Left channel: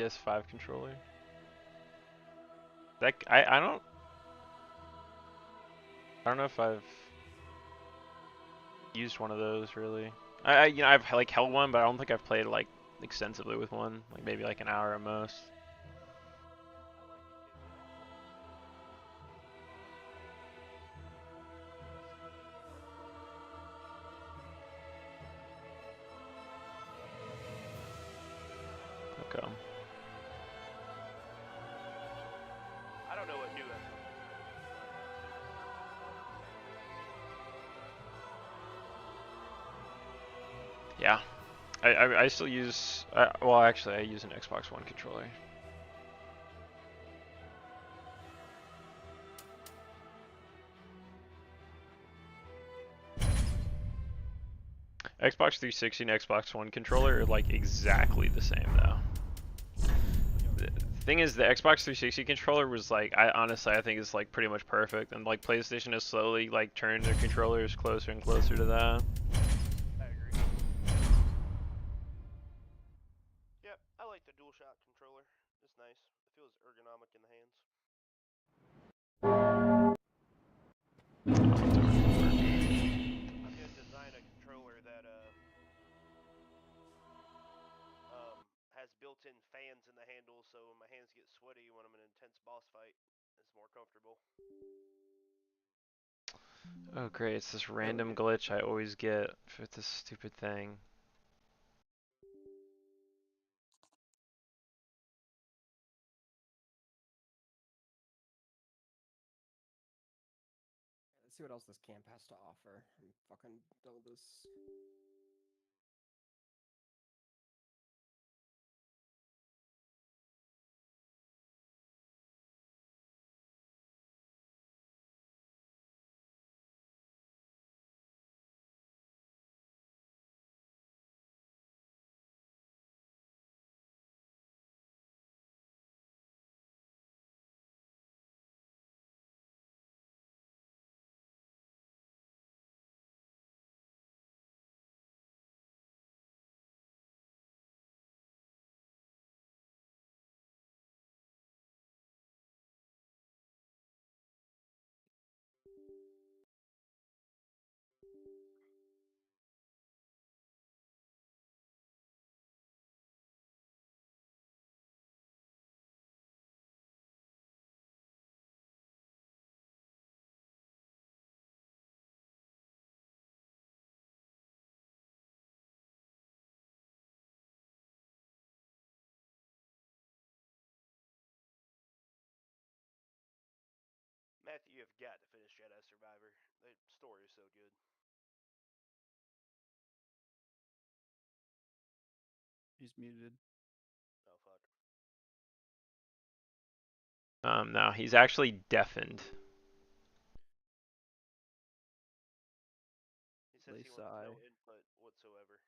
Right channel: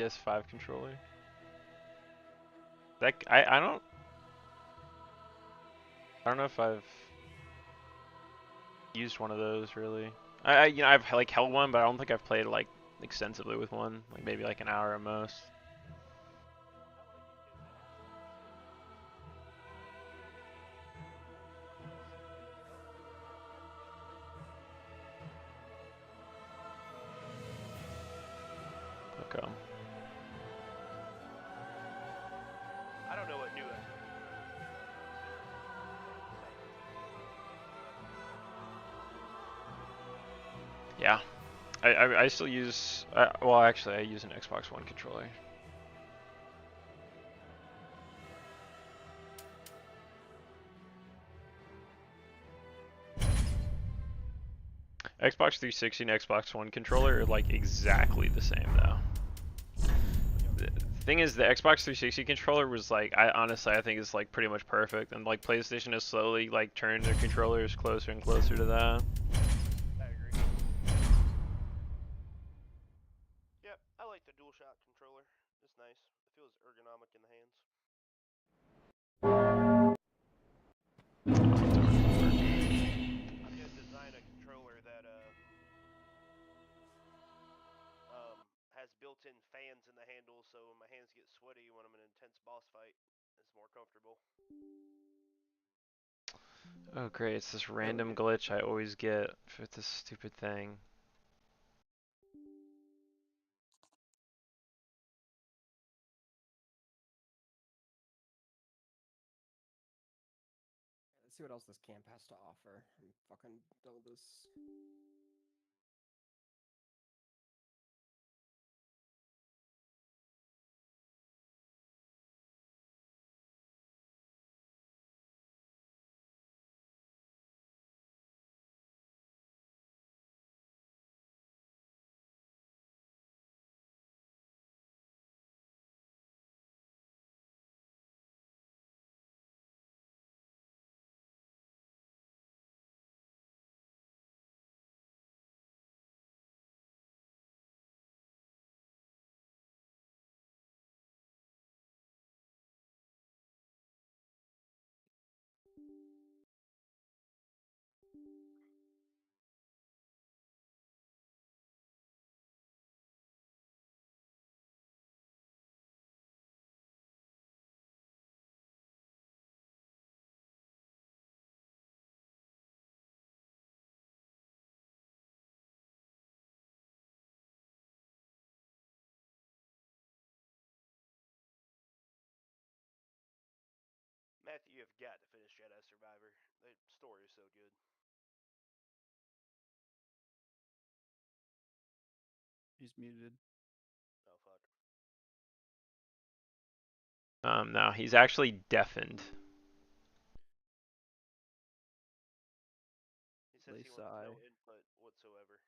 PS5 controller. That I don't know if I've used one of those really. I've like held one, but I don't think I've played like extensively with one. Like maybe like an hour at most. Okay. I don't know what new SL. Yeah. I still use well actually I use an Xbox One controller. Xbox 360 and Xbox One controller are like exactly the same though. The thing is, the Xbox 360 controller was like, I honestly I think is like pretty much perfect, and like PlayStation has slowly like turned their controllers closer and closer to that. I agree. Yep, I like the DualShock controller. It's nice. It feels ergonomic in the hands. I'm gonna design a controller that has built-in fans in the handle, so when my hands get sweaty when I'm in an intense boss fight, it's more comfortable. Oh great, it's this random glitch I always get for this stupid thing. Let's see what else this camp has to offer. I'm fucking done with this. Matthew, you have got to finish Jedi Survivor. The story is so good. He's muted. Oh fuck. No, he's actually deafened. He says he wants Sigh. no input whatsoever.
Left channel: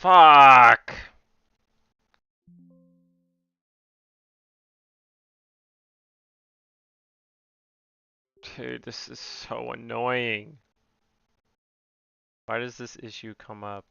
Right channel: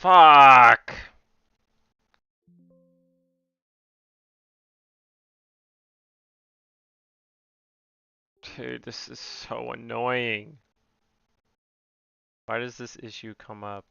Fuck! Dude, this is so annoying. Why does this issue come up?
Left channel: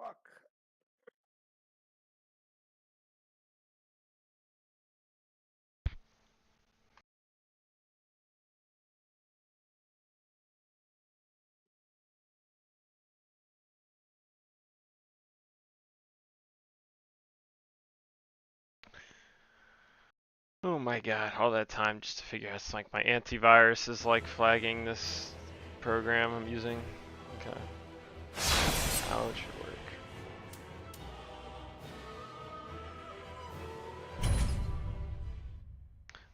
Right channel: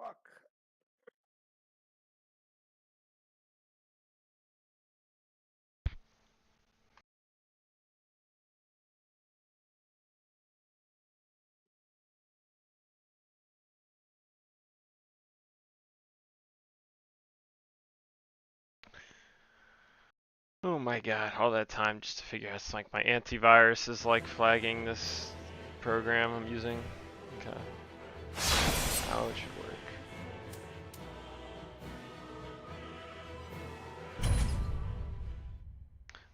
Fuck. Oh my god, all that time just to figure out it's like my antivirus is like flagging this program I'm using. Okay. How it should work.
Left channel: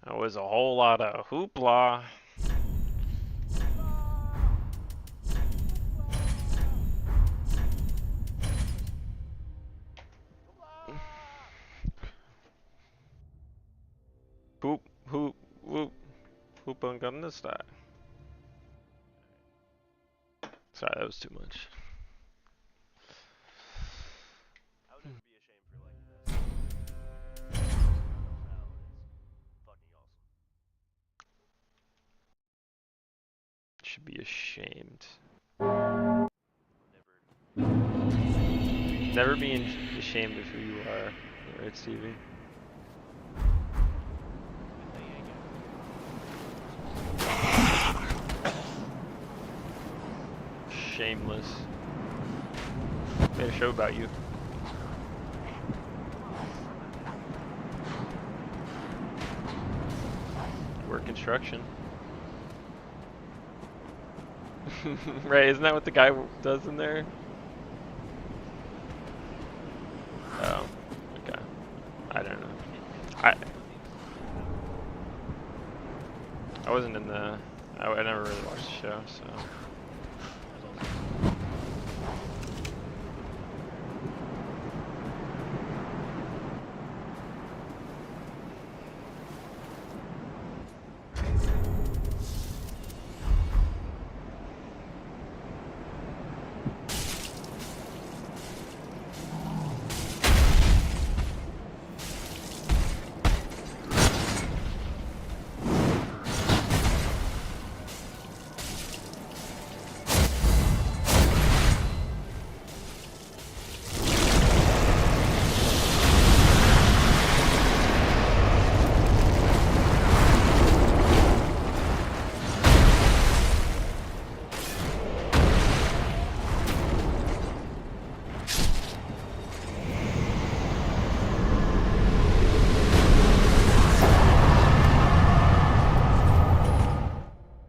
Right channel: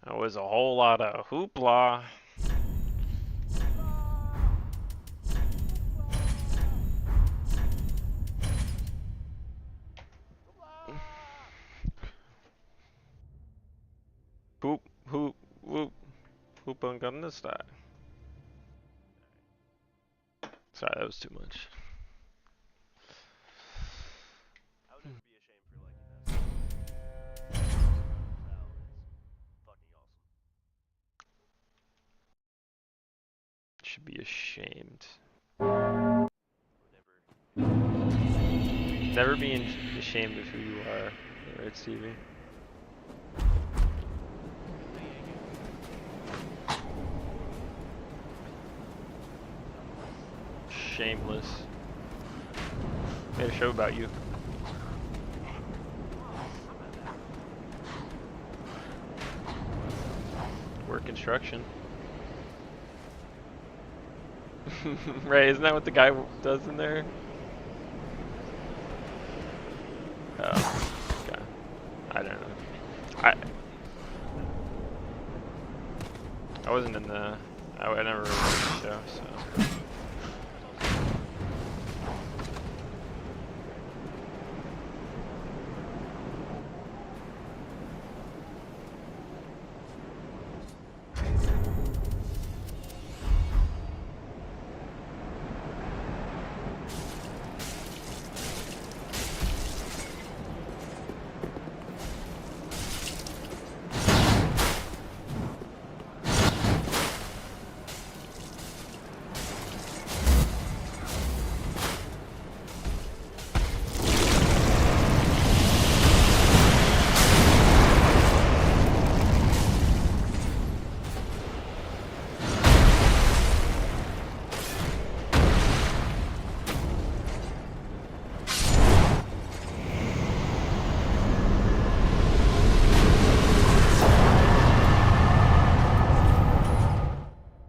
That was a whole lot of hoopla. Hoop, hoop, whoop. Hoop on gun style. Sorry, that was too much. I would never be ashamed for liking that song. Gangnam Style is fucking awesome. Should be ashamed. I'll never. Never being ashamed of who you are. Right, Stevie? Good thing you ain't got. Shameless. Made a show about you. Work construction. Right, isn't that what the guy does in there? Oh, okay. I don't know. I wasn't in the. I never really watched the show, so.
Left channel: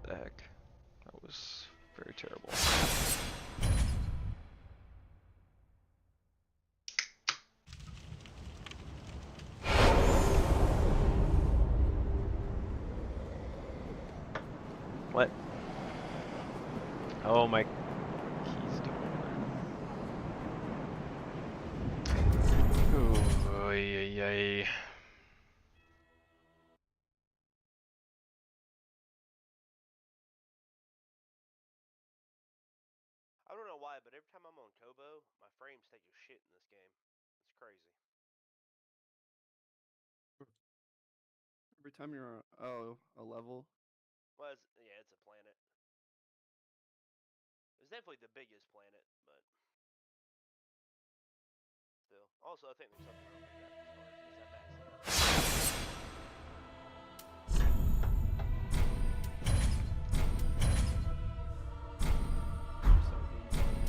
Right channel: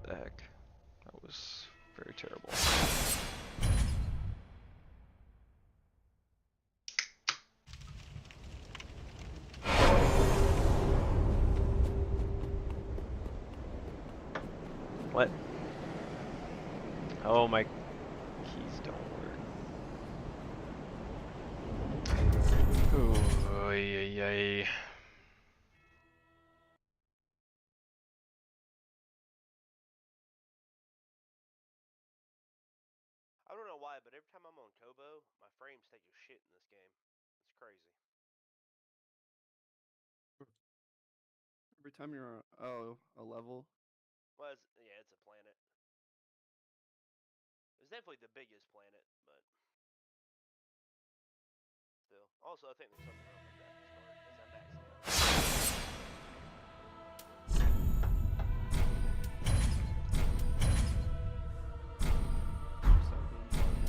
The heck? That was very terrible. What? Oh, my keys don't work. Ooh, ay, ay, ay. I don't know why, but every time I'm on Kobo, my frames take a shit in this game. It's crazy. Every time you're on a level. Well, yeah, it's a planet. It's definitely the biggest planet, but still. Also, I think there's something wrong with my graphics card because I'm maxing out. Just how games are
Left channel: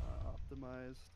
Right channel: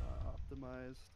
not optimized.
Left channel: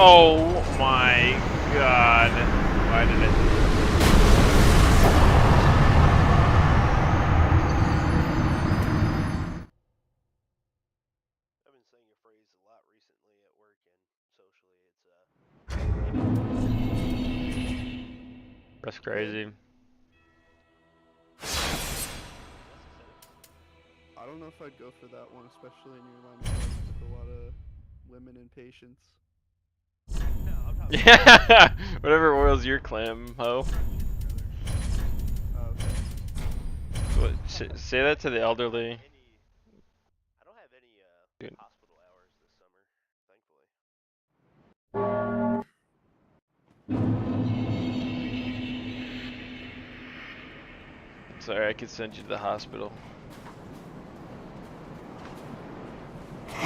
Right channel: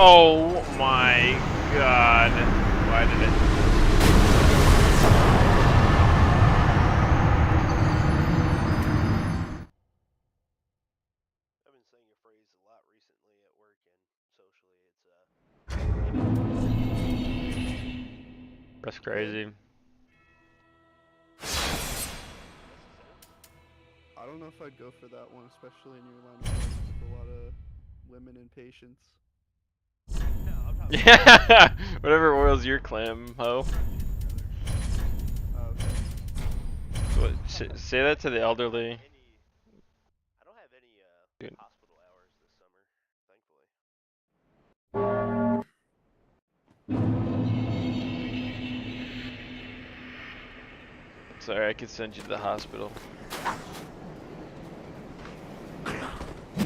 Oh my god. Why did it? I've been saying a phrase a lot recently at work and socially. That's crazy. That's a sentence? I don't know if I'd go for that one, especially in your line of work with a lot of women and patients. No, I'm talking Yeah. Whatever oils your clam, ho. Oh, okay. What, say that to the elderly. I don't have any Dude. hospital hours this summer, thankfully. Sorry, I could send you to the hospital. I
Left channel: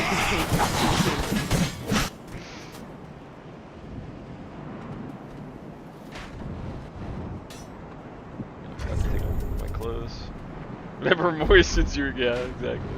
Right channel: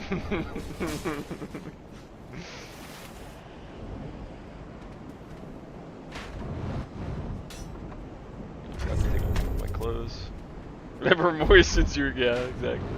forgot to take off my clothes. Whatever moistens your, yeah, exactly.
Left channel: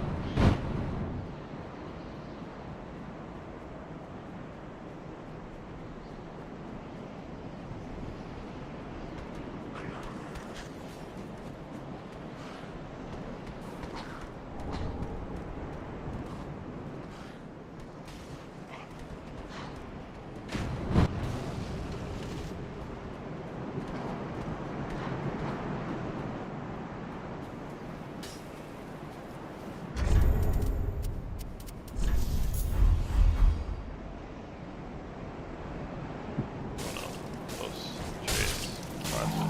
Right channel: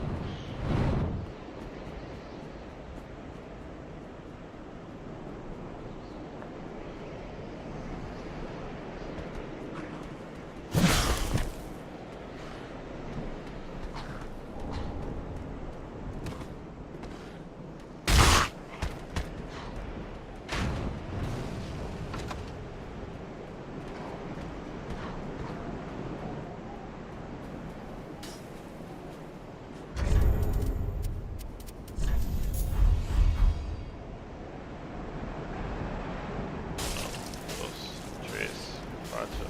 Close. Trace. Pacho.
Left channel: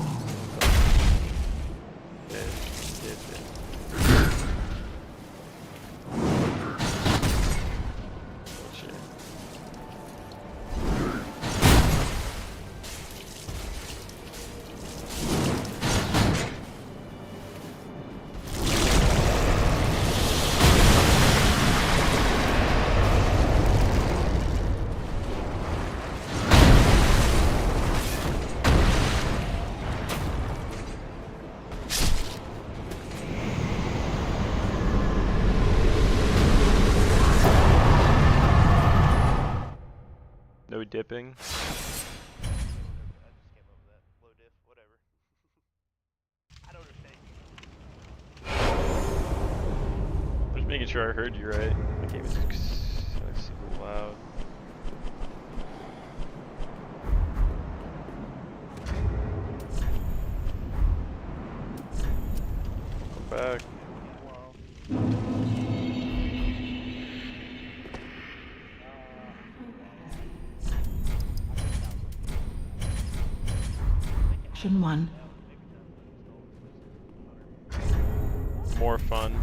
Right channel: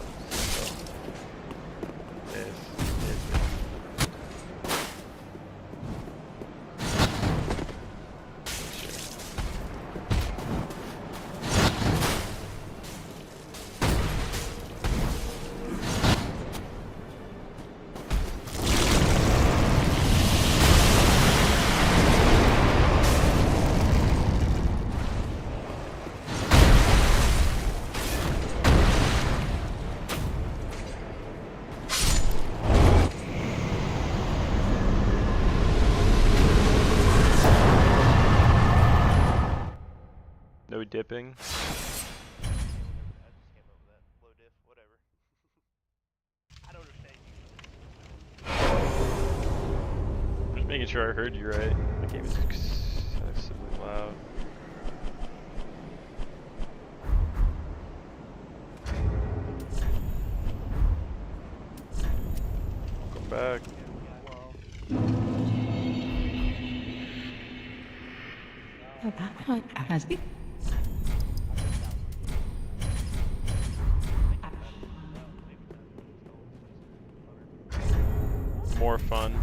No dipping. I just came up with that. Low diff, whatever. I don't understand you. Just making sure I heard you right. My game is excessively loud. Welcome back. Wow. Action 1. More fun.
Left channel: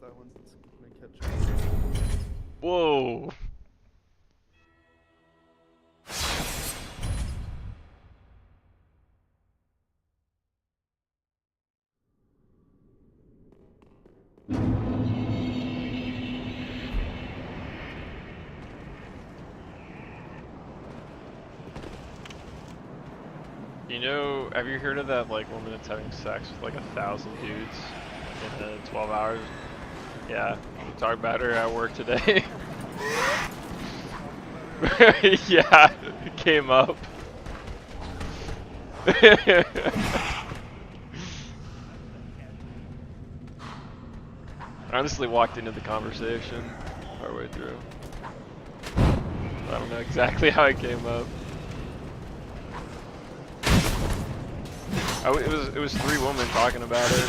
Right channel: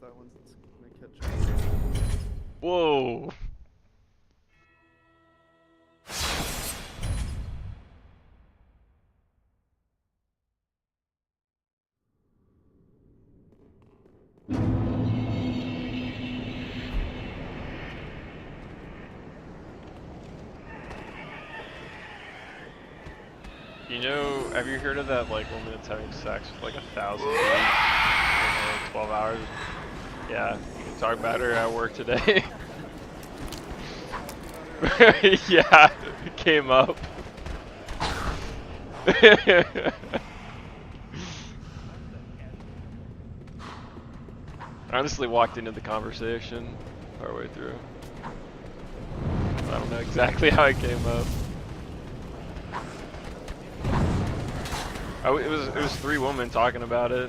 That one's gonna catch up. Whoa. You know, have you heard of that like woman that's having sex with like 1,000 dudes in 12 hours? Yeah, we talked about her at work today. Yeah, it came up. I honestly walked into the conversation partway through. I don't know exactly how it came up. It was 3 women talking about it.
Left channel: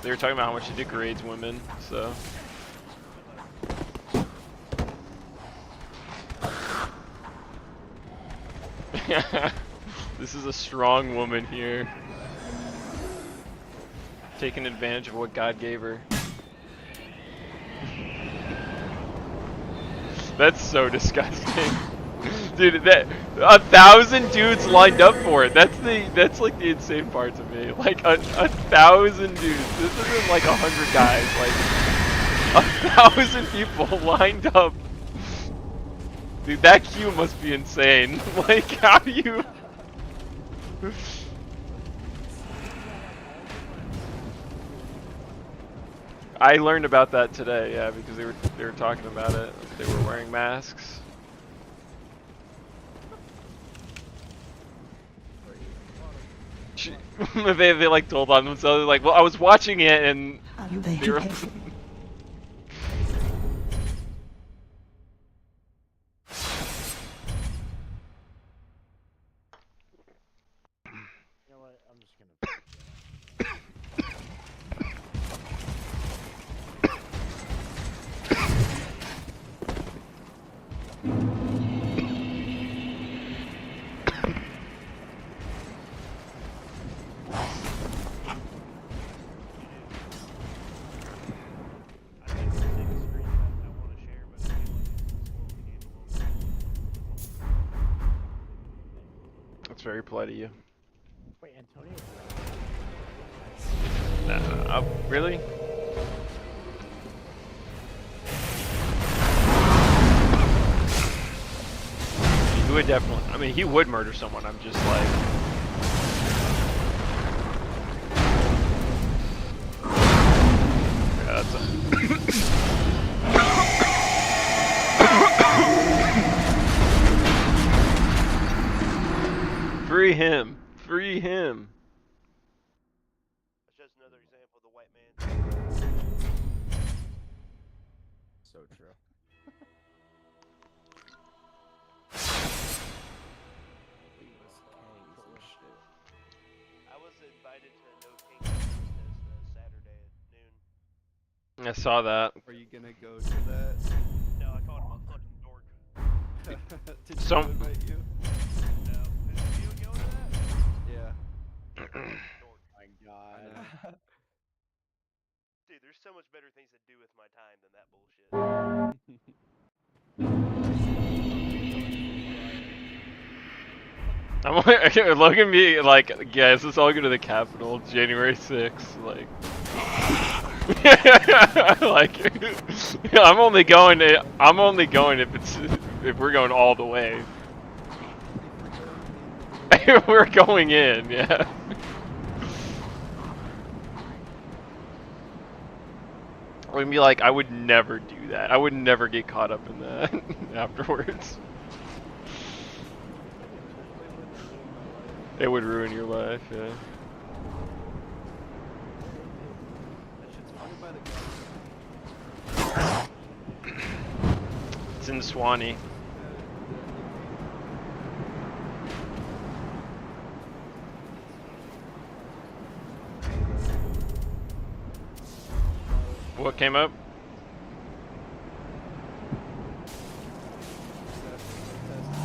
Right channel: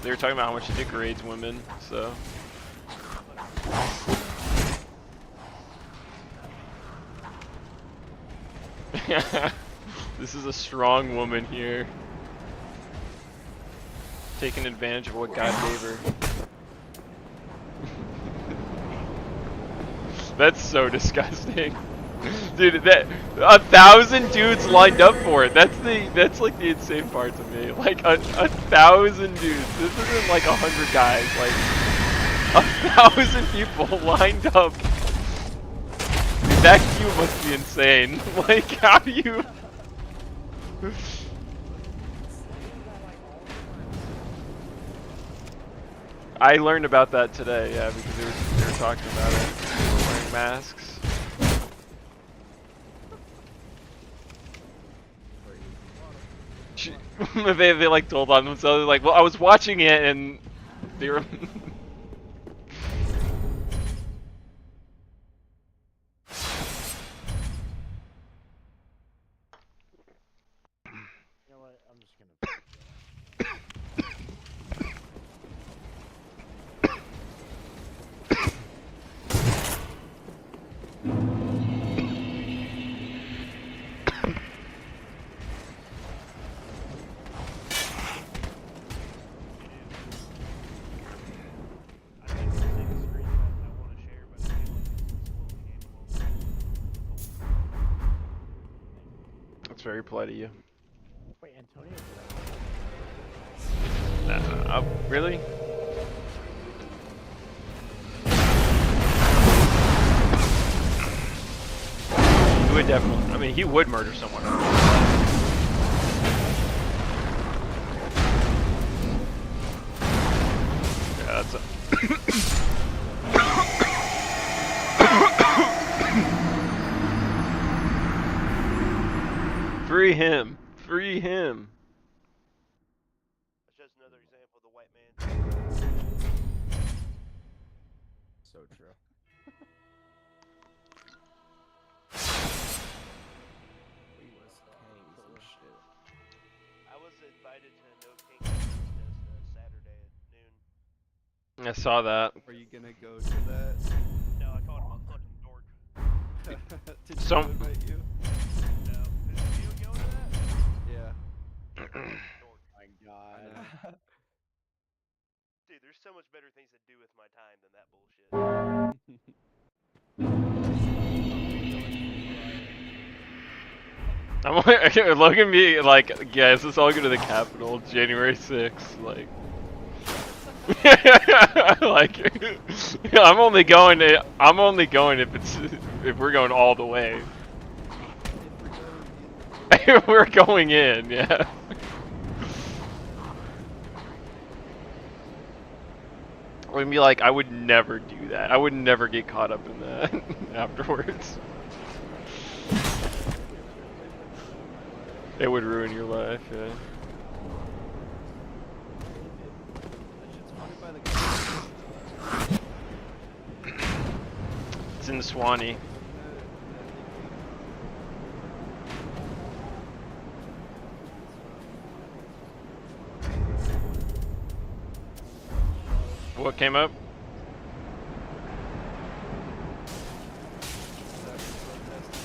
They were talking about how much it degrades women, so. This is a strong woman here. Taking advantage of what God gave her. That's so disgusting. Dude, that 1,000 dudes lined up for it. That's like the insane part to me. Like 1,000 dudes. This isn't like 100 guys. Like 1,000 people lined up. Dude, that queue must be insane. Like, how do you? I learned about that today. Yeah, because they were talking about it. They were wearing masks. they like told on themselves. They're like, well, I was watching it and they were. You know what? I'm just gonna. I think the thing is screen I want to share, but I feel like it's slowing the game a little bit. That's very polite of you. Wait, Antonio. Really? He would definitely. I mean, he would murder someone. I'm just like. Yeah, that's a. Free him! Free him! That's just another example of the white man. So true. We was kangs and shit. I was invited to a No King protest Saturday at noon. I saw that. Are you gonna go to that? No, I called him a fucking dork. Did So- Joe invite you? No. Did you go to that? Yeah. Dork. My God. I know. Dude, there's so much better things to do with my time than that bullshit. I'm like, Logan be like, guys, let's all go to the Capitol January 6th. Like, like, I'm only going if we're going all the way. If we're We're going in the door, going in, yeah. I would be like, I would never do that. I would never get caught up in that afterwards. It would ruin your life, yeah. Where is it? that shit's funded by the government. It's in Swanee. You know that it came out. What came up? After protesting.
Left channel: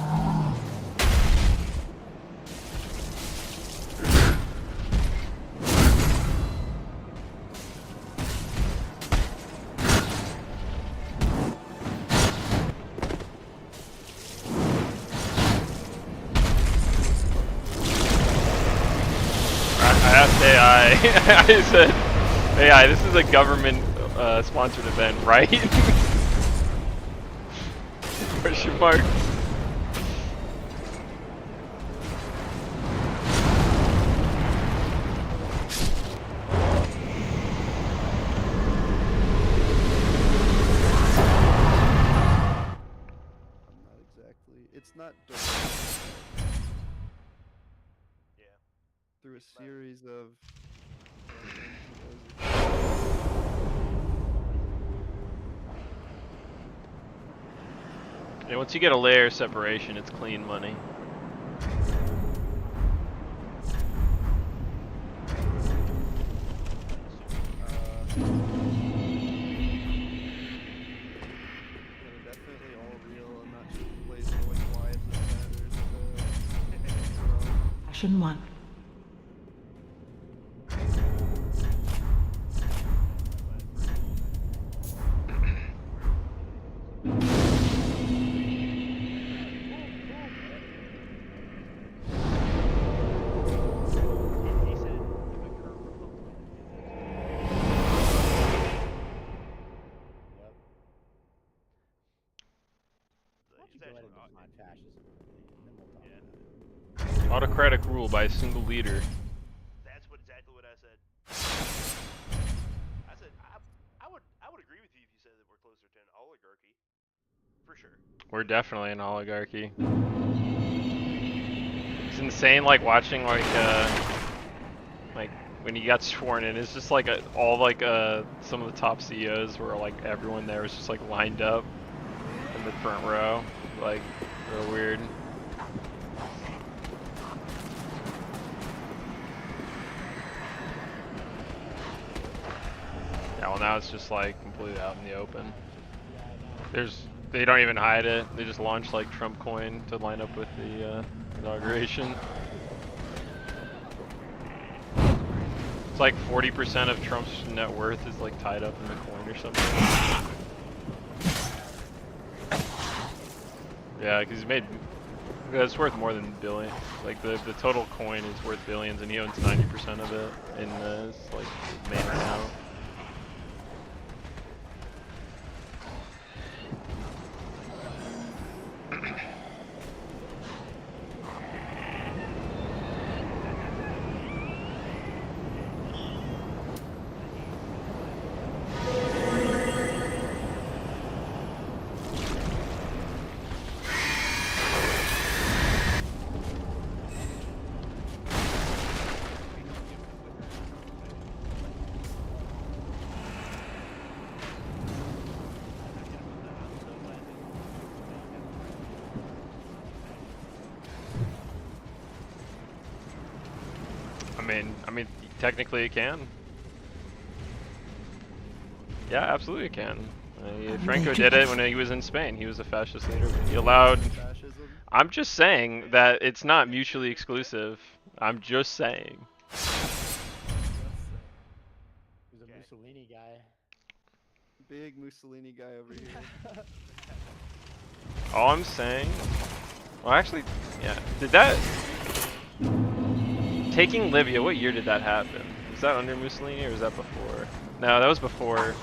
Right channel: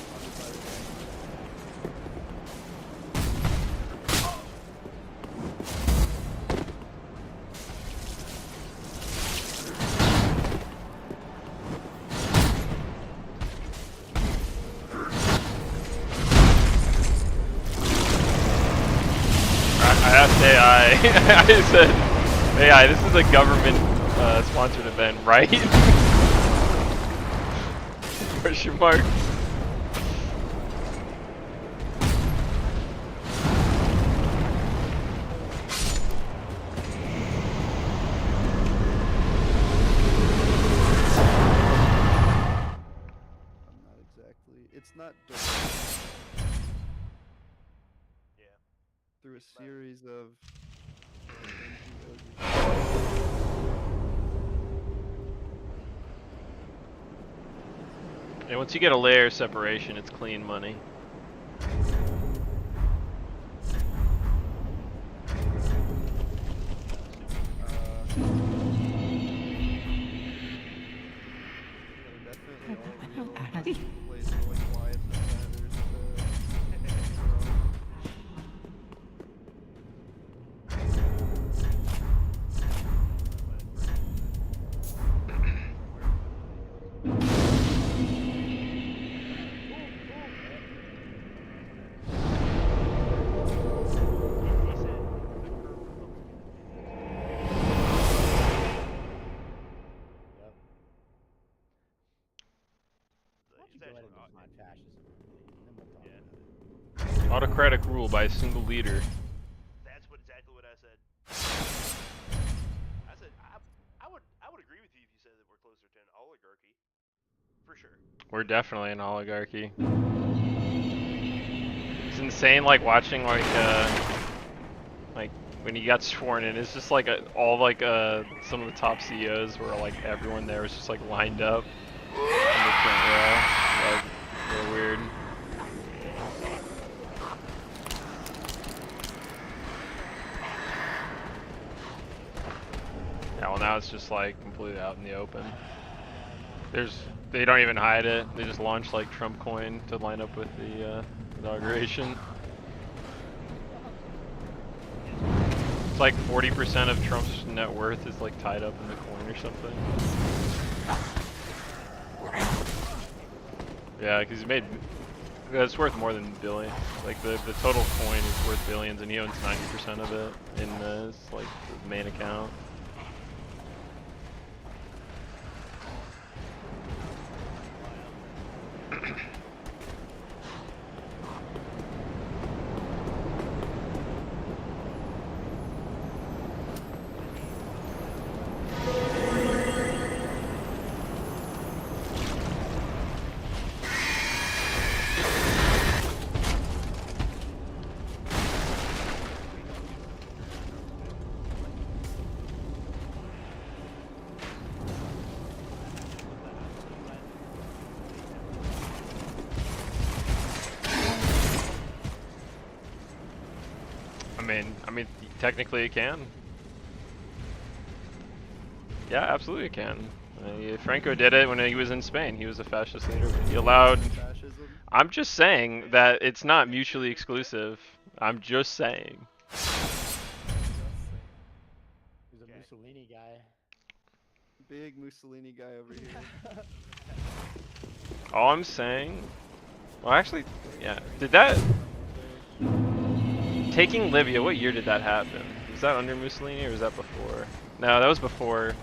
I asked AI. I said, AI, this is a government sponsored event, right? Question mark. I'm not exactly. It's not dark. Yeah. Through a series of NGOs. Yeah, once you get a layer of separation, it's clean money. They're definitely all real. Not just plays for like wives and matters. Action 1. go ahead actually. and define fascism, and then we'll talk about it. Autocratic rule by a single leader. That's exactly what I said. I said I would agree with you if you said that we're closer to an oligarchy, for sure. We're definitely an oligarchy. It's insane, like watching like when he got sworn in. It's just like all like some of the top CEOs were like everyone there was just like lined up in the front row, like real weird. Yeah, well now it's just like completely out in the open. They don't even hide it. They just launch like Trump coin to line up with the inauguration. It's like 40% of Trump's net worth is like tied up in the coin or something. Yeah, because he made. It's worth more than billion. Like the total coin is worth billions, and he owns 90% of it in his like his main account. I mean, technically it can. Yeah, absolutely it can. Franco did it when he was in Spain. He was a fascist leader. He allowed. Fascism. I'm just saying that it's not mutually exclusive. I'm just saying. Just saying. He's a Mussolini guy. Big Mussolini guy over here. All I'm saying. Well, actually, yeah. Did that. Taking Libya, what year did that happen? Was that under Mussolini or was that before? No, that was before.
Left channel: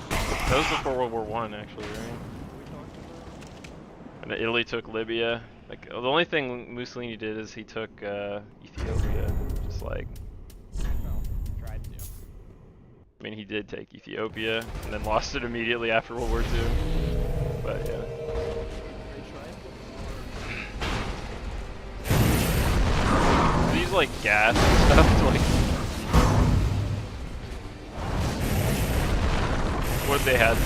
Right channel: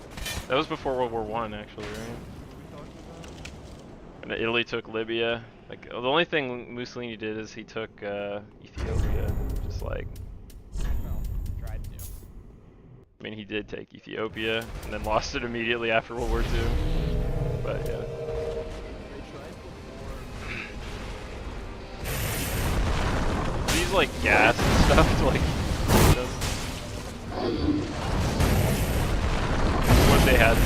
That was before World War I, actually, right? What are we talking about? And Italy took Libya. Like the only thing Mussolini did is he took Ethiopia. Just like, Well, tried to. I mean, he did take Ethiopia and then lost it immediately after World War II. But yeah. They tried before. These like gas and stuff to like. What they had.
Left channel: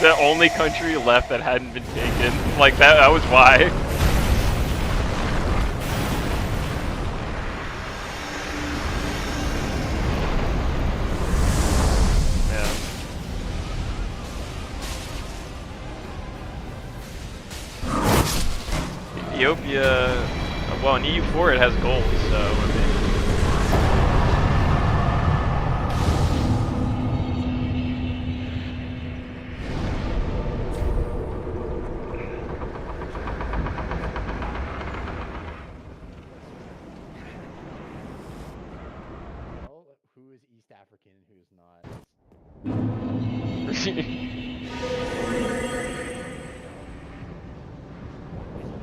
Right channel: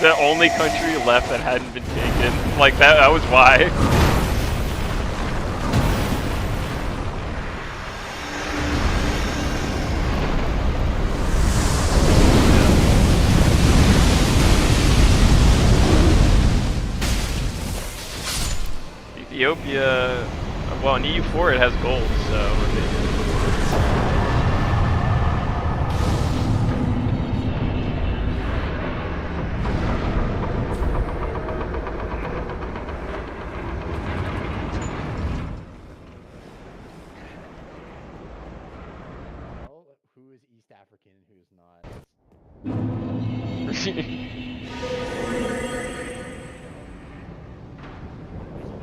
The only country left that hadn't been taken. Like that was why. Yeah. Ethiopia, well in EU4 it has gold, so I mean. Well, who is East African and who's not?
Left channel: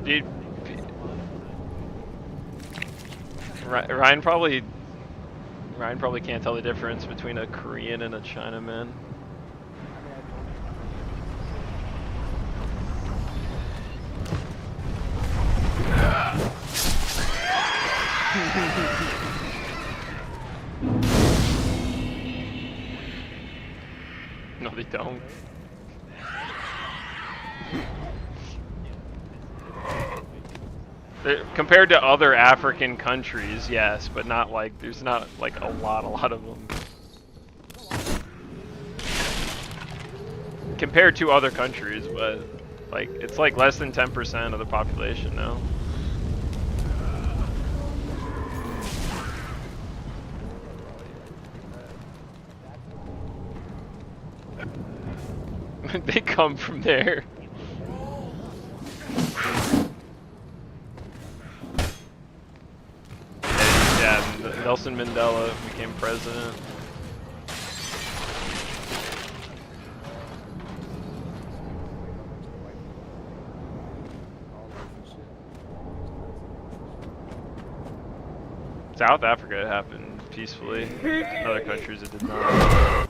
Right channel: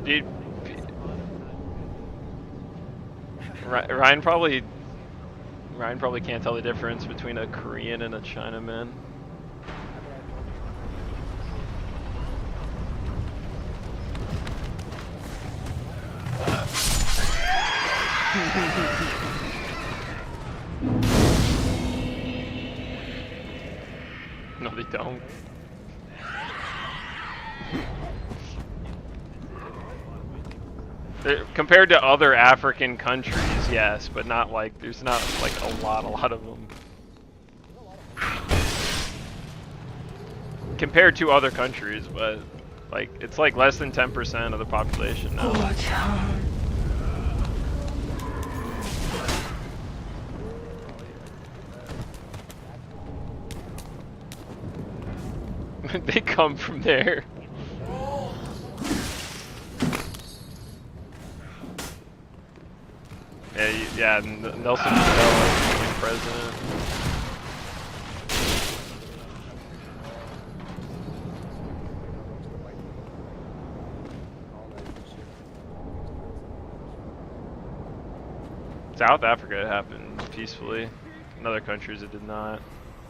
Dude, Ryan probably can't tell the difference between a Korean and a Chinaman. No, they don't. Compared to other African countries, yes, but not like there's not like a lot of them. Compared to other countries, but like it's like less than 10% of the population now. They come from there. Yeah, Nelson Mandela came president. South Africa it happened peacefully. In other countries it did not.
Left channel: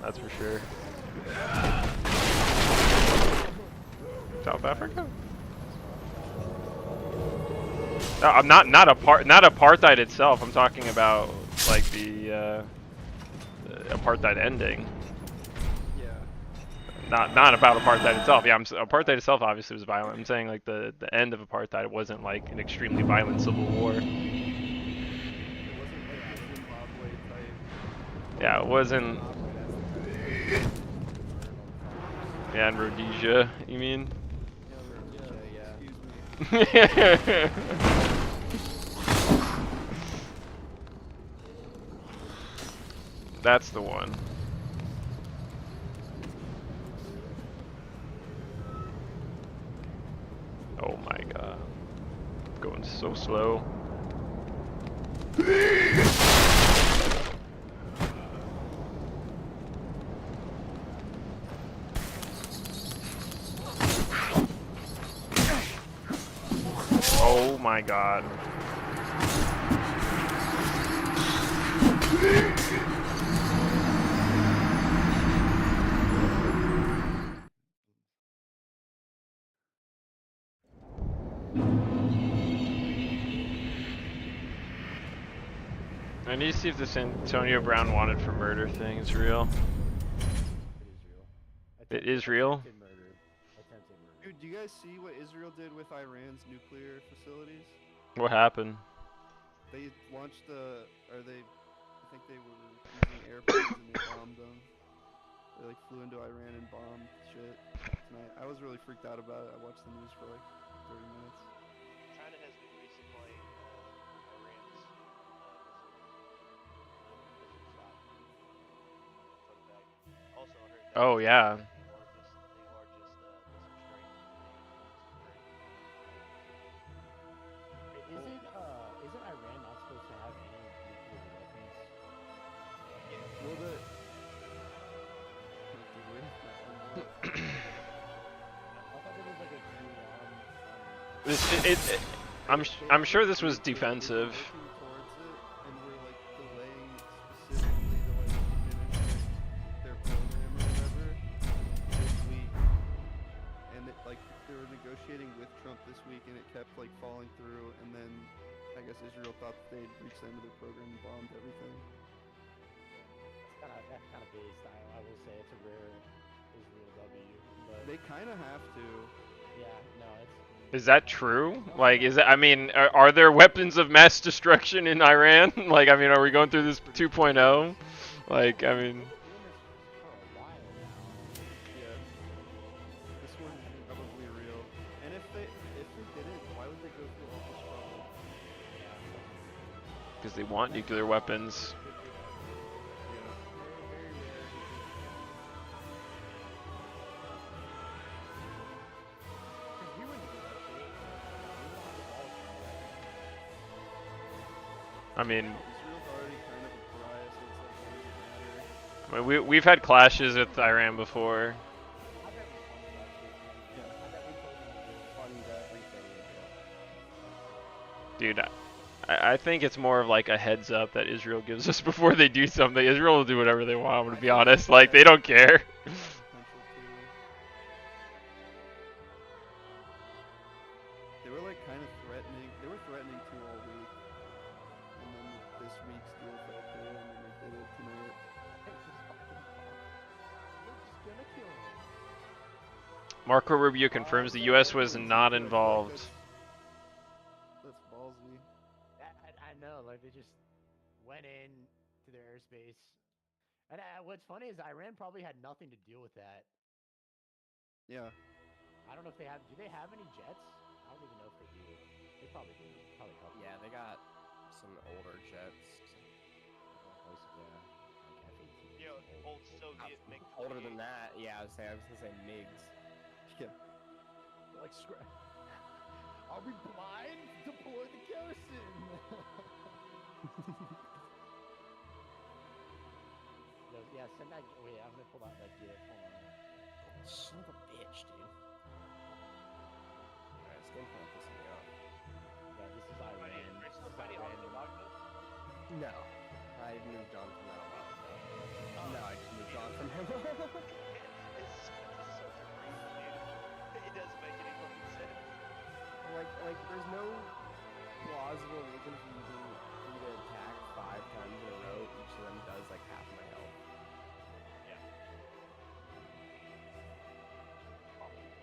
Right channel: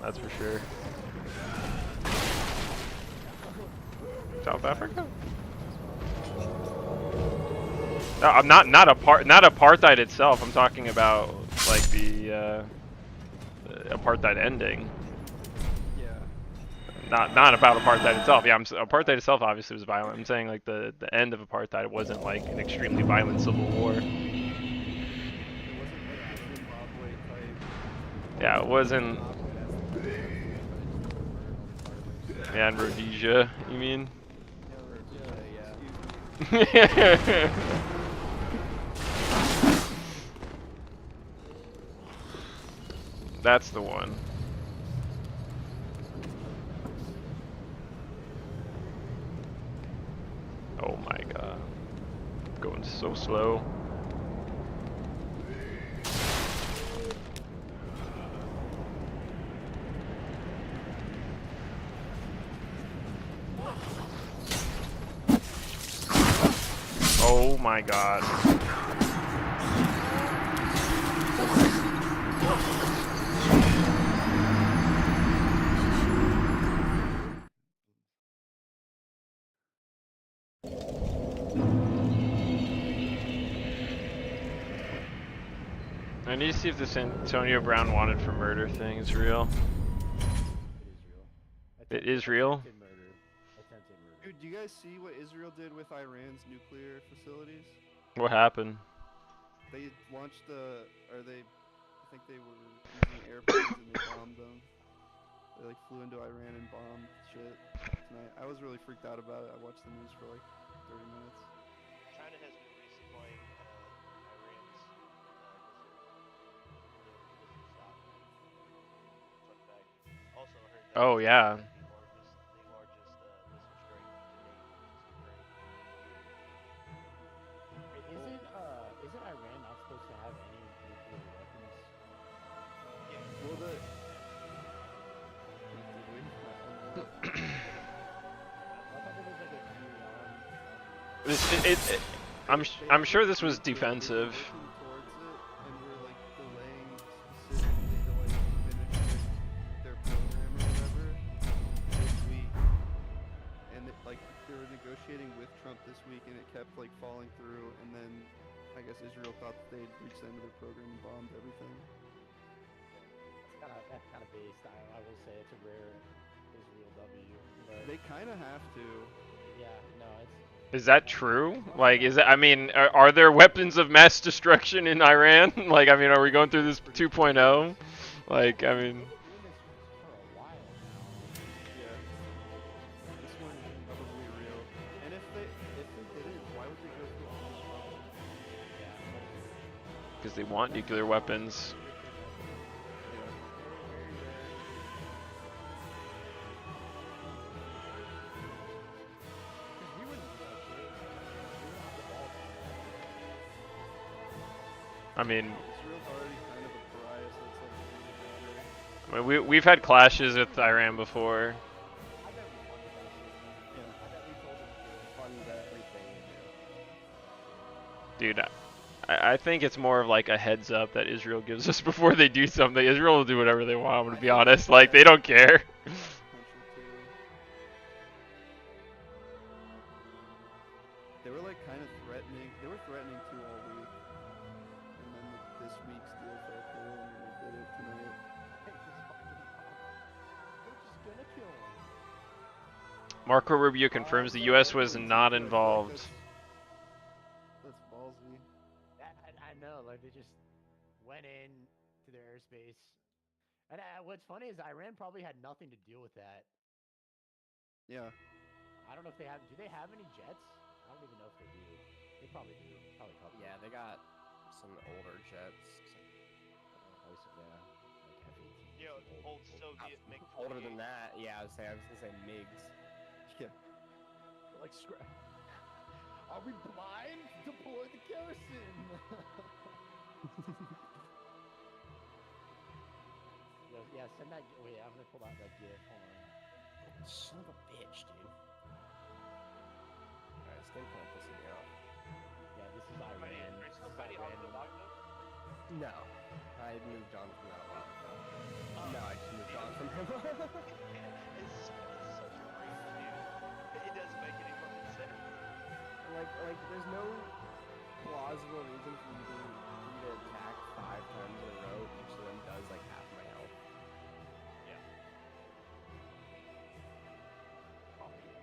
That's for sure. South Africa? No, I'm not apartheid itself. I'm talking about like the apartheid ending. Yeah. Not about apartheid itself. Yeah, apartheid itself obviously was violent. I'm saying like the end of apartheid wasn't like an extremely violent civil war. It wasn't like the Zimbabwe type. Yeah, it wasn't. Yeah, in Rhodesia, you mean? Excuse me. That's the one. Oh my god. Going so slow. Oh my god. I need to see if this Antonio Brown wanted for murder thing is real. It is real? Attempted murder. Attempted murder. Dude, do you guys see what Israel did with Iran's nuclear facilities? What happened? They launched I think they were using airplanes and they bombed them. They like flew into Iran and bombed shit tonight. I was really freaked out about it. I watched the news for like 30 minutes. China has been resupplying Iran's missile stock. Fun fact. Also, I heard that Oh yeah. the largest missile strike to date against Ukraine. Isn't Iran not supposed to have any nuclear weapons? Yeah. Well, did we? I thought there was like a few I'm sure this was defensive. They were working towards it, and we're like delaying specifically to like finish their program or whatever this week. And they were negotiating with Trump this week, and it kept like falling through. And then I guess Israel thought that they'd reached the end of their program and bombed everything. That's kind of based. I will say it's a rare Israel W, but They kind of have to. yeah, no, it's. Is that true? Like, is it? I mean, are there weapons of mass destruction in Iran? Like, I mean, are we going through this 2.0? Like, I mean. Doing this for a while now. Yeah. This one's probably real. And if they did it, why would they go through all this trouble? Yeah, that's true. Because they want nuclear weapons. Yeah. Very, very rare. Because we wouldn't do that shit. We don't have the balls to do that. I mean, Israel's already kind of a pariah, so it's like, what does it matter? I mean, we've had clashes with Iran before. I bet we funded that shit. Yeah. I bet we told them to do it. Fund everything you do. Dude, I think it's more of like a heads up that Israel gives us before they do something. Israel will do whatever they want, I'm gonna be honest. Like, they don't care. Potential too. They were like kind of threatening. They were threatening to all week, and then this week's deal fell through, and then they did it tonight. We're just gonna kill him. Marco Rubio confirms the U.S. was not involved. That's ballsy. I know, like they just went in to their airspace. And what's funny is Iran probably had nothing to deal with that. Yeah. I don't know if they have. Do they have any jets? I don't even know if they do. They probably do. Probably a couple. Yeah, they got some older jets. Yeah, like F-18. Yeah, old Soviet MiG. Older than that, yeah. I was gonna say MiGs. Yeah. They're like, are we blind? Deploy the garrison. Yeah, send that. Wait, I'm gonna pull out that GIF. Hold on. Son of a bitch, dude. Alright, this game kind of pissing me off. Yeah, this is Iran. Are you This still is fighting Iran. on the Dogma? No. I moved on from that a while ago. No, I just moved on from him. It's such a reach, dude. It doesn't make any fucking sense. like, there's no plausible reason for you to attack 5 times in a row. Each of them does like half my health. Yeah.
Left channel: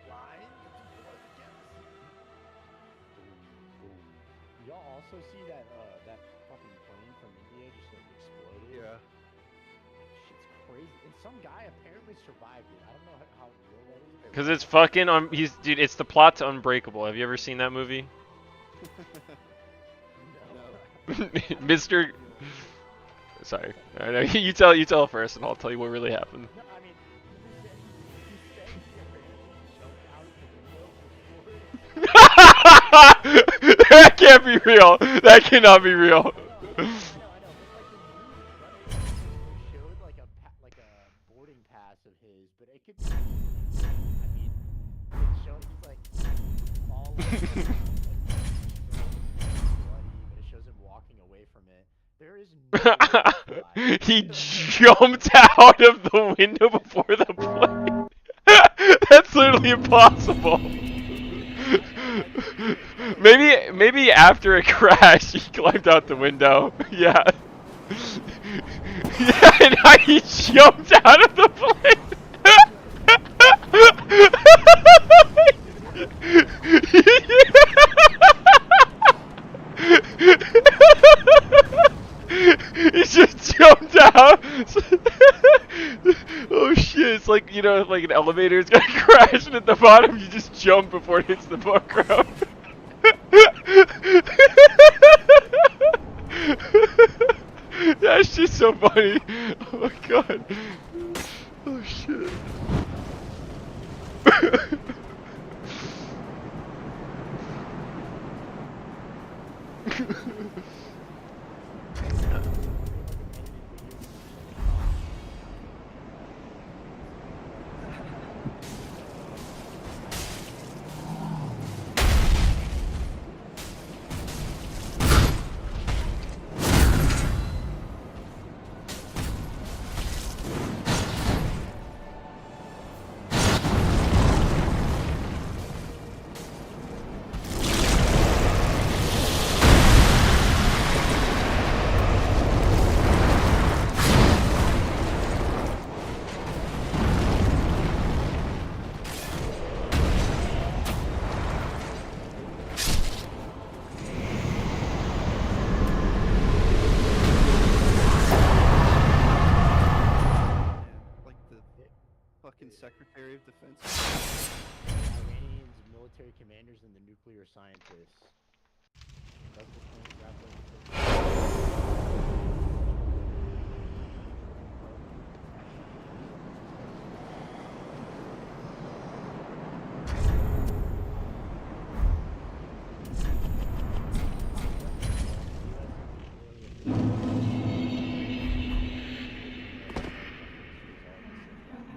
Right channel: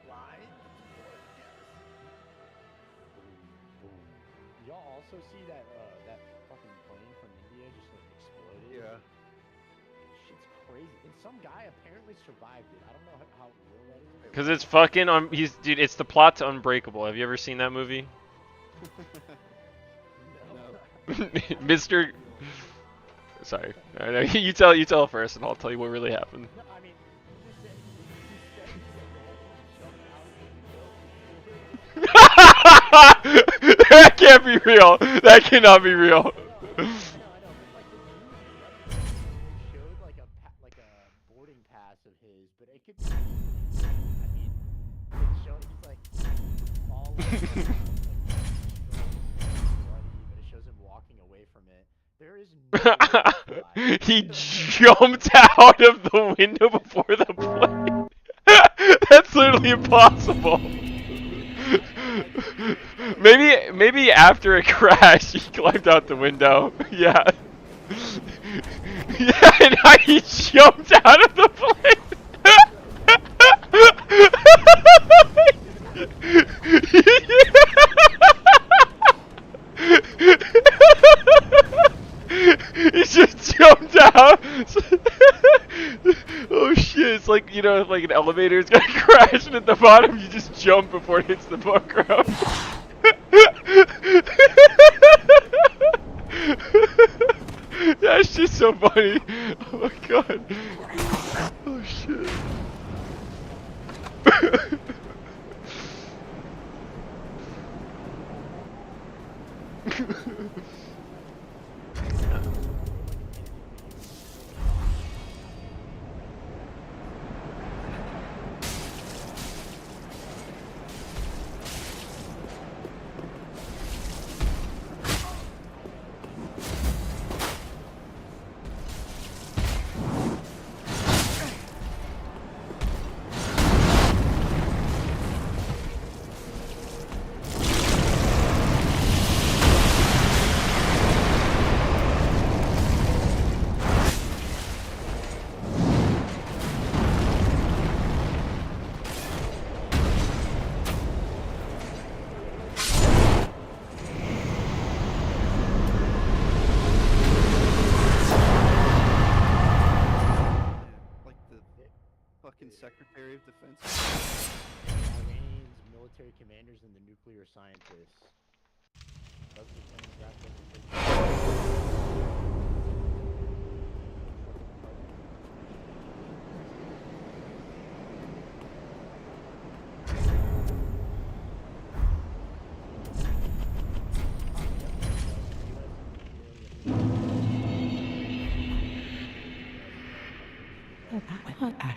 Blind? Y'all also see that that fucking plane from India just like exploded? Yeah. Shit's crazy. And some guy apparently survived it. I don't know how real that is. Cause it's fucking dude, it's the plot to Unbreakable. Have you ever seen that movie? No. Mr. Sorry. No, you tell first, and I'll tell you what really happened. No, I mean, he said he apparently jumped out of the window before. That can't be real. That cannot be real. I know, but like the news is running, they showed like a boarding pass of his, but it could be. I mean, it's showing he's like all bloody, but it shows him walking away from it. There is no way to He fly. jumped out of the window before the plane. That's literally impossible. Maybe after a crash he climbed out the window. Yeah. Yeah, and he jumped out of the plane. He just jumped out. Oh shit, it's like, you know, like an elevator is gonna crash and at the bottom you just jump before it hits the ground. That's just so funny. Oh my god. Oh shit. fucking Secretary of Defense. Iranians, military commanders, and the nuclear scientists. Does the plane wrapped up the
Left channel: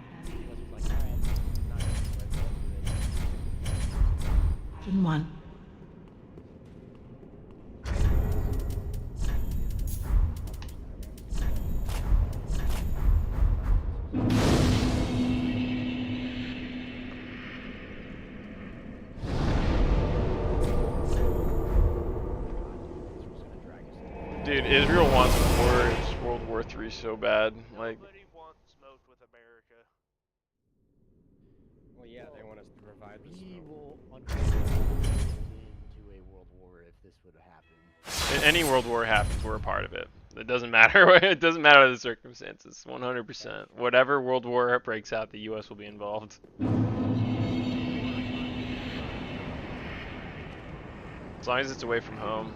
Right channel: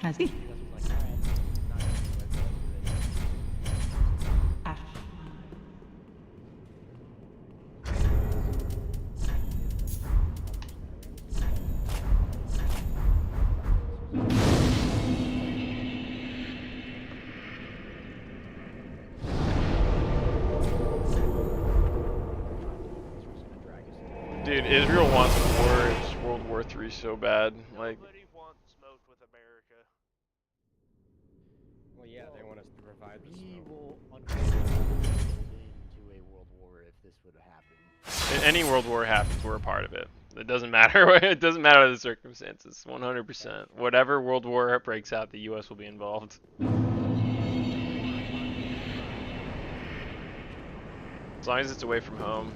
Ashley. Ashton 1. Dude, Israel wants World War III so bad. Like, Nobody wants smoke with America. Well, yeah, they want us to provide the We smoke. will unfortunately into a world war if this would happen. any world war happens, we're a part of it. It doesn't matter. It doesn't matter the circumstances. 100%. Whatever world war breaks out, the U.S. will be involved. As long as it's away from home.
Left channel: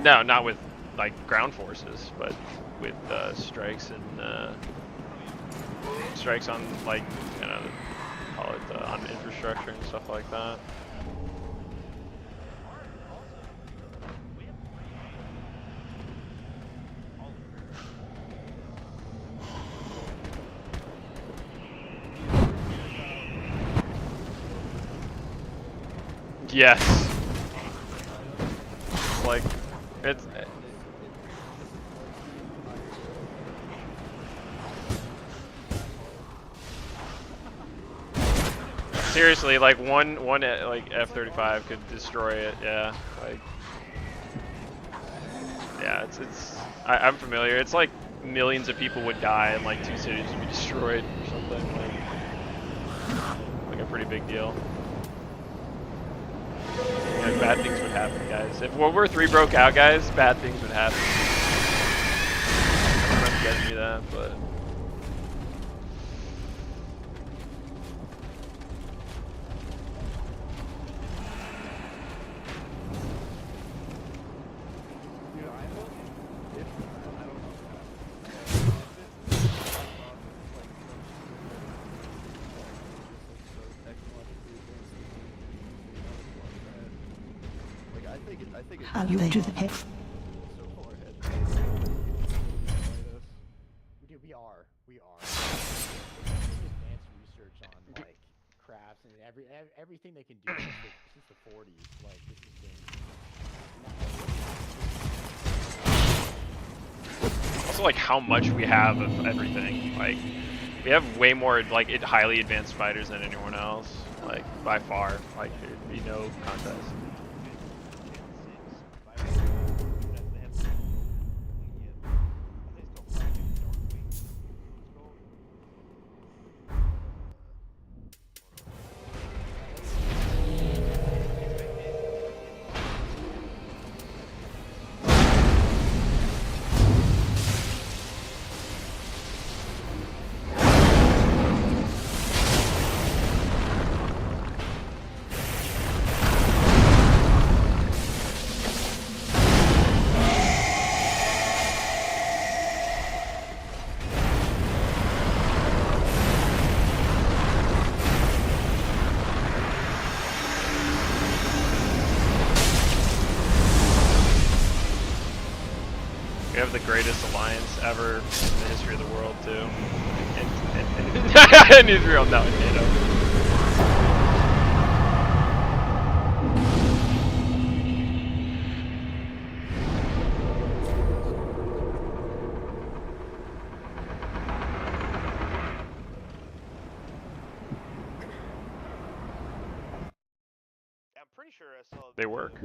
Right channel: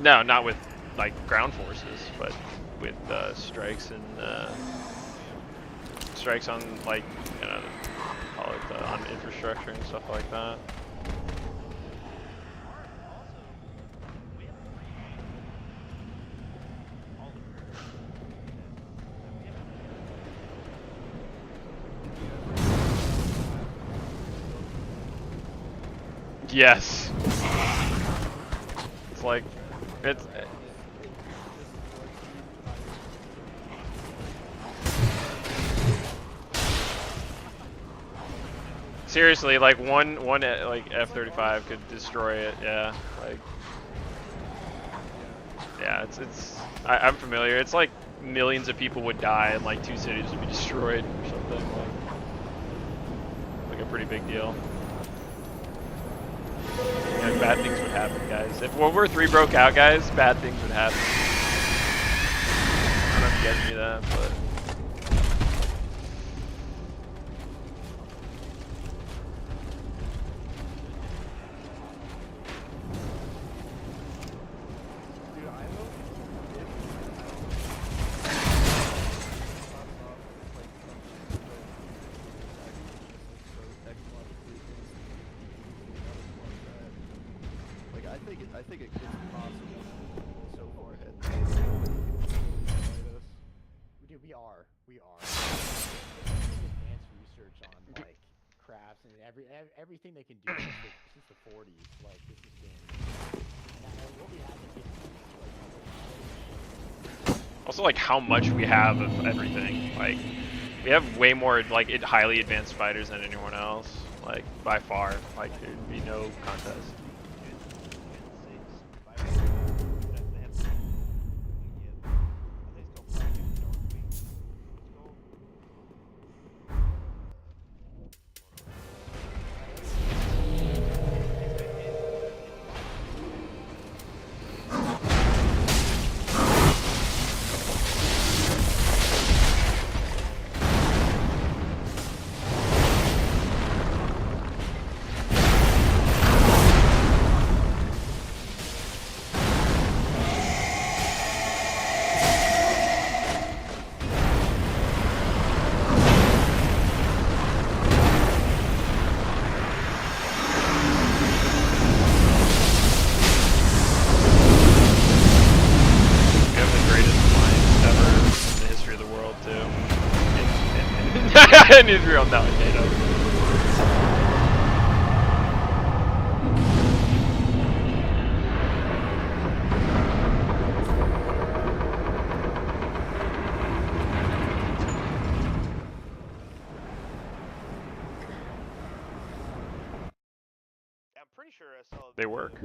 No, not with like ground forces, but with strikes and strikes on, like, you know, call it on infrastructure and stuff like that. Yes. It's like, it's. And it just floods the entire Seriously, like one like F-35 could destroy it. Yeah, like. Yeah, I'm familiar. It's like millions of people would die and like 2 cities would be destroyed or something. Like a pretty big deal. Yeah, bad things would happen, guys. If World War III broke out, guys, bad things would happen. I don't know if you guys knew that, but. Dude, I hope if I don't know. Pops off and it's like some shit that United States is actually just like so technologically advanced that we can use the amount of blood that. Like I think it How could you do possibly that? be so far ahead. Fight us. Dude, we are. It's advanced research on like crafts and everything they can do since the 40s. Like this has been. And what we have is Also, like how much we have of everything. Like, we have way more like highly advanced fighters than anyone else. Like by far. Like there'd be no contest. Gen 6 fighter that they haven't completely yet. I think it's called Project Darkwing. Is what it's called. We have the greatest alliance ever in the history of the world, too. In Israel, no, in NATO. I'm pretty sure I saw. They work.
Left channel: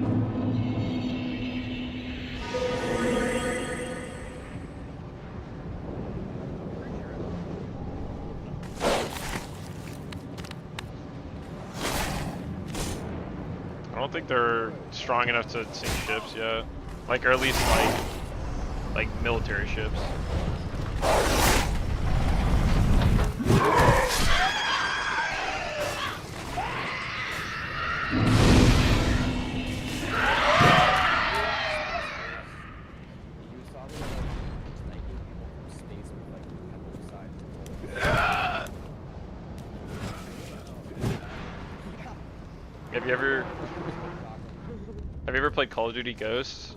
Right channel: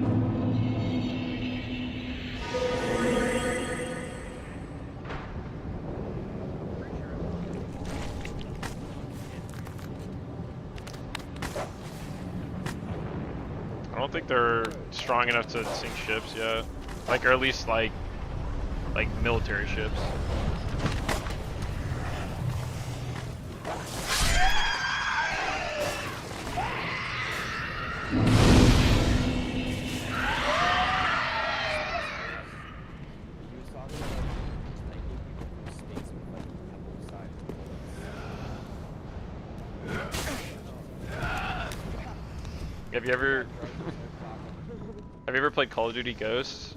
I don't think they're strong enough to sink ships yet. Like, or at least like military ships. He was talking about sniping people from space with like pebble side. Have you ever played Call of Duty Ghosts?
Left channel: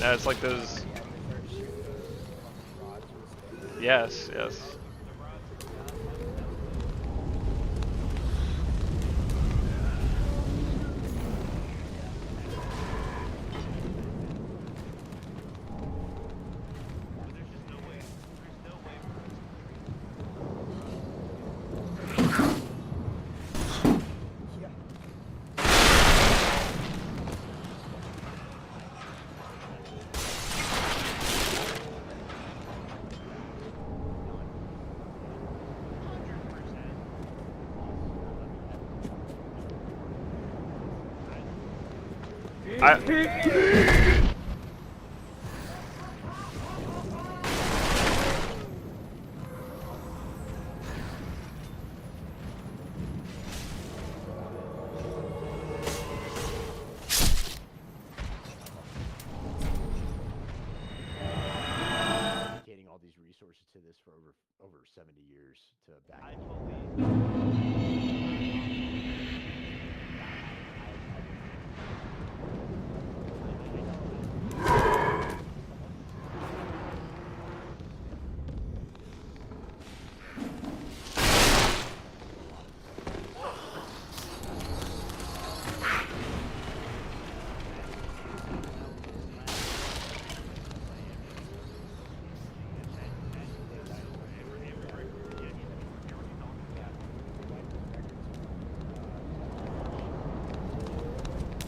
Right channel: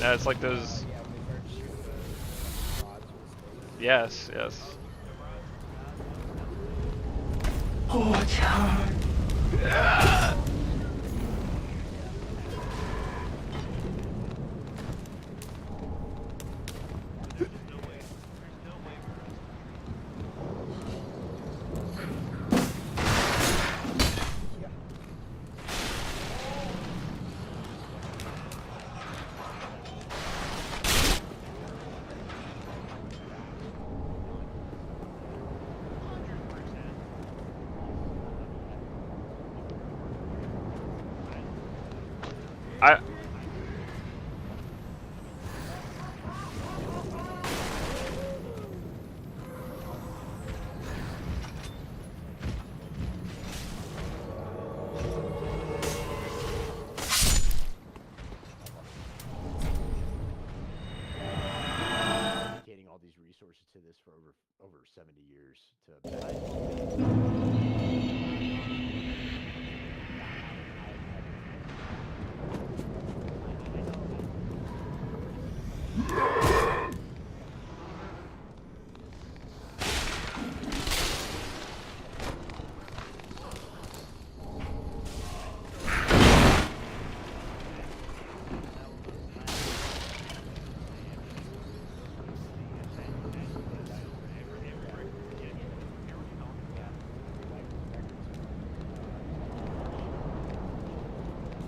No, it's like those. Yeah, when they start shooting the rods from space. Yes, yes. There's just no way. There's no way for us to Yeah. I. dedicating all these resources to this for over 70 years to.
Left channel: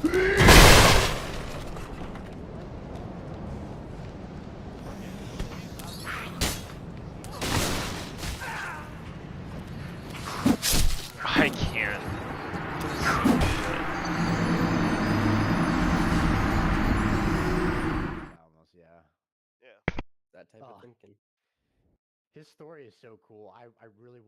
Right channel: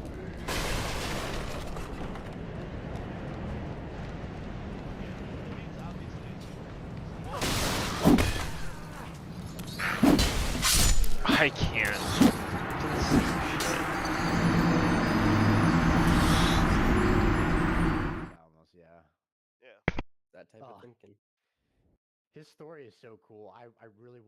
I can't. Almost, yeah. Yeah. That type Oh. of thinking. His story is so cool. I really